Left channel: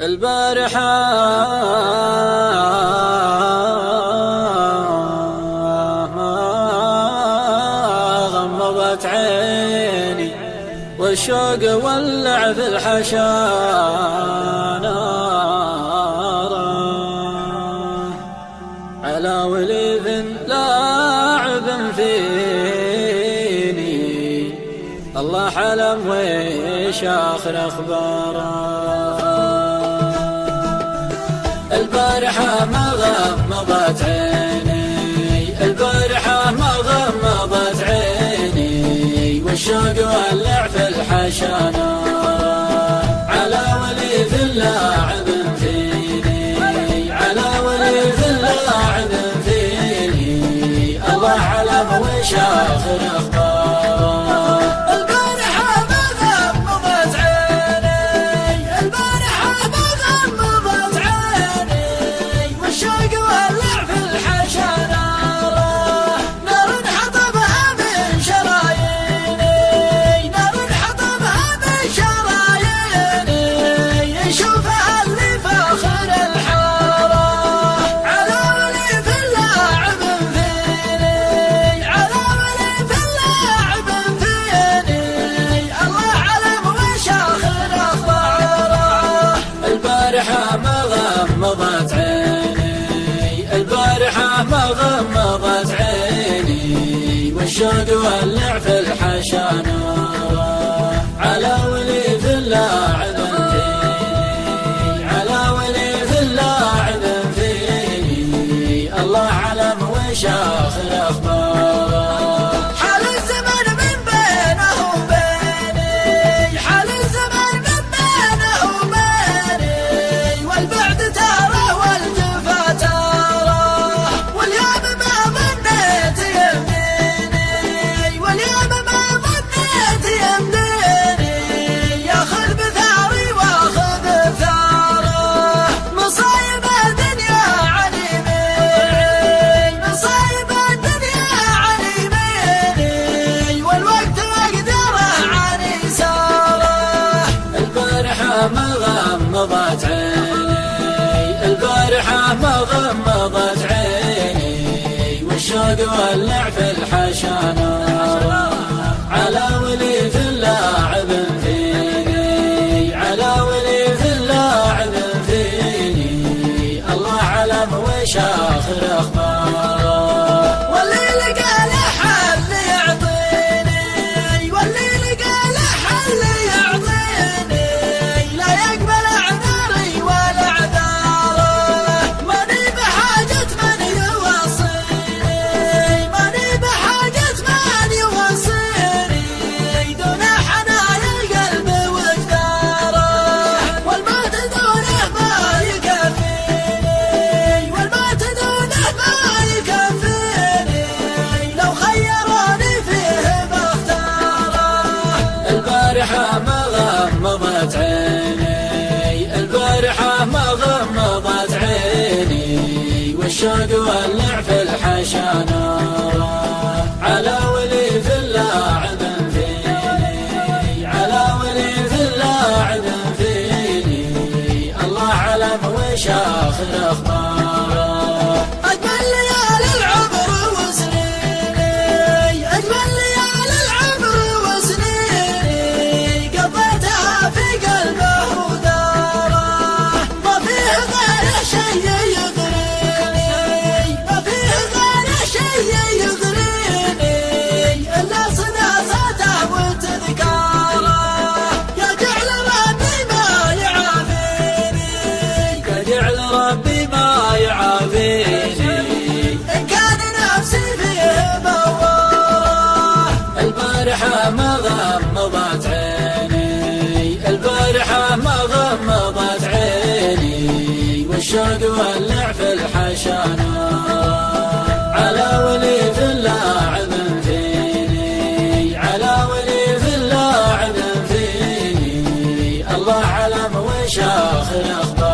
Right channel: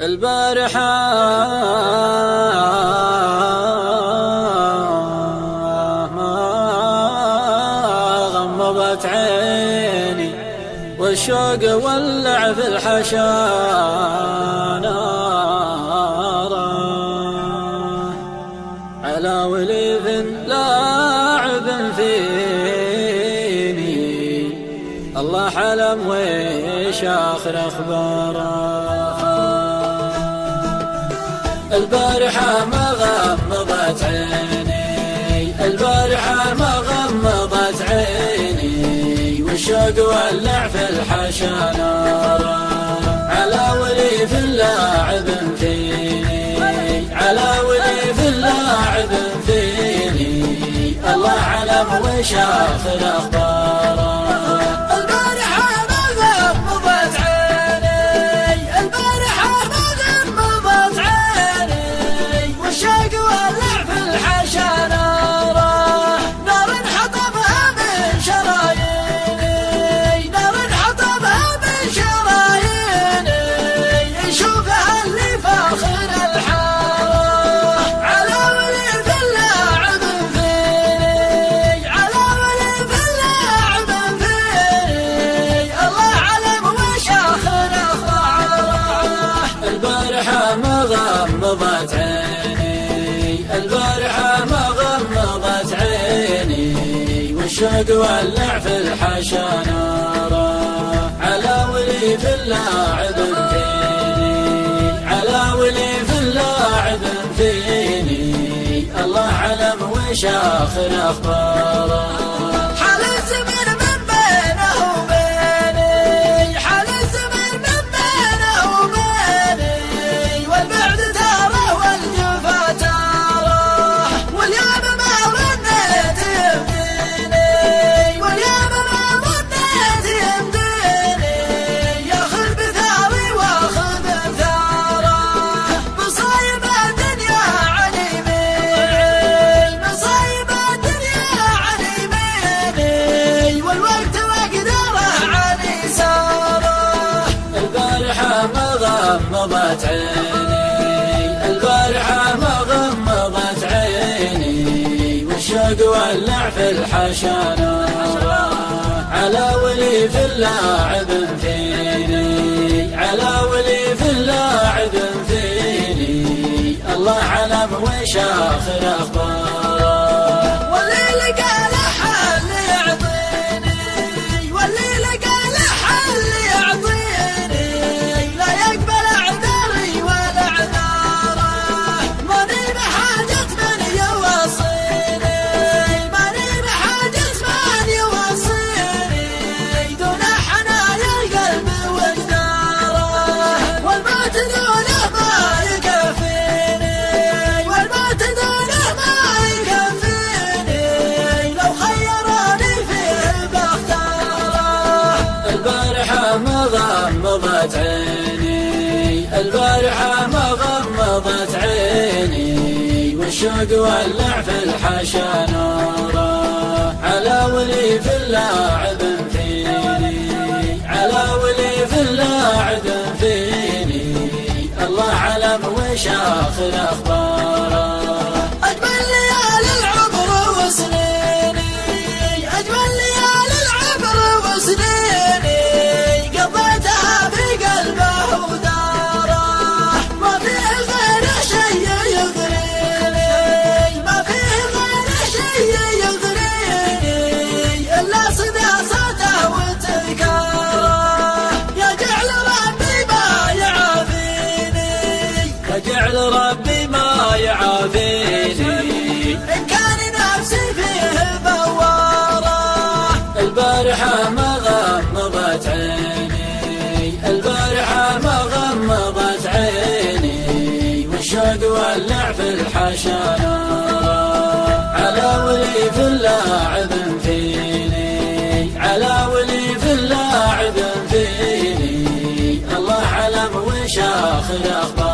البارحة غمضت عيني والشوق ولع في الحشا نارا على وليف لاعب فيني الله حلم ويش آخر أخباره. البارحة ما غمضت عيني البارحة ما غمضت عيني والشوق ولع في الحشا نارا على وليف لاعب فيني على وليف لاعب فيني الله علم وش آخر أخباره. غمضت عيني البارحة ما غمضت عيني والشوق ولع في الحشا نارا على وليف لاعب فيني على وليف لاعب فيني الله علم وش آخر أخباره. الشوق ولع في الحشا نارا على وليف لاعب فيني على وليف لاعب فيني الله علم وش آخر أخباره. البارحة ما غمضت عيني والشوق ولع في الحشا نارا على وليف لاعب فيني على وليف لاعب فيني الله علم وش آخر أخباره. غمضت عيني البارحة ما غمضت عيني والشوق ولع في الحشا نارا على وليف لاعب فيني على وليف لاعب فيني الله علم وش آخر أخباره.